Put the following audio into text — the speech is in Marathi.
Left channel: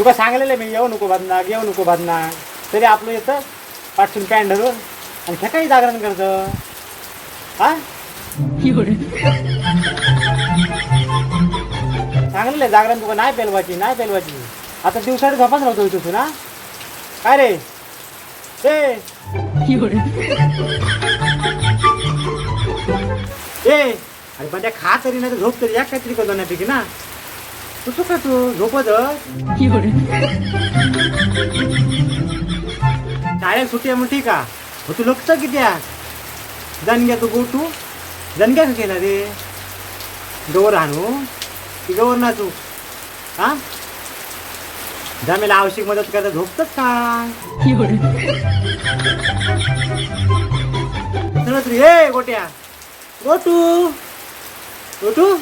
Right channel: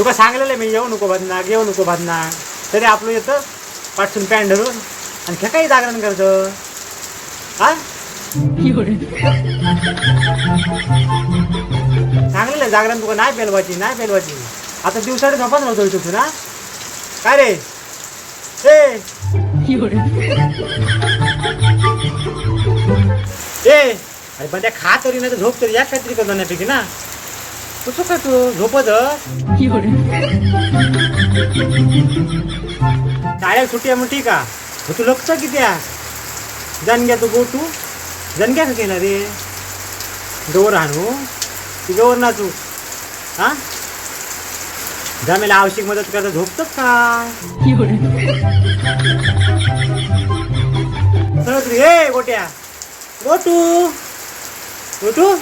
तुका सांगलेलं मी येऊ नको भादनाक तरी आपलं येतं पाठसून पॅन्ट धरून आणि सकाळी जागरण करतं हा सांगलेलं जागरण तुका नाही पेलवायची आता दिवसाडे झोपाच नव्हतं तू ना काय रे अरे पण त्या खा तरी नाही तर झोप तरी या काहीतरी करतो नाही ना तू काय तू झोपत शाळेत सुट्टी आहे मग ठीक आहे तू लक्ष किती आहे जनग्या तू गोटू जनग्या का केला रे गवर आणू ती गवर ना तू हा जमेला आवश्यक मदत करता झोपतोच का हे गोट्या गोटू गोटू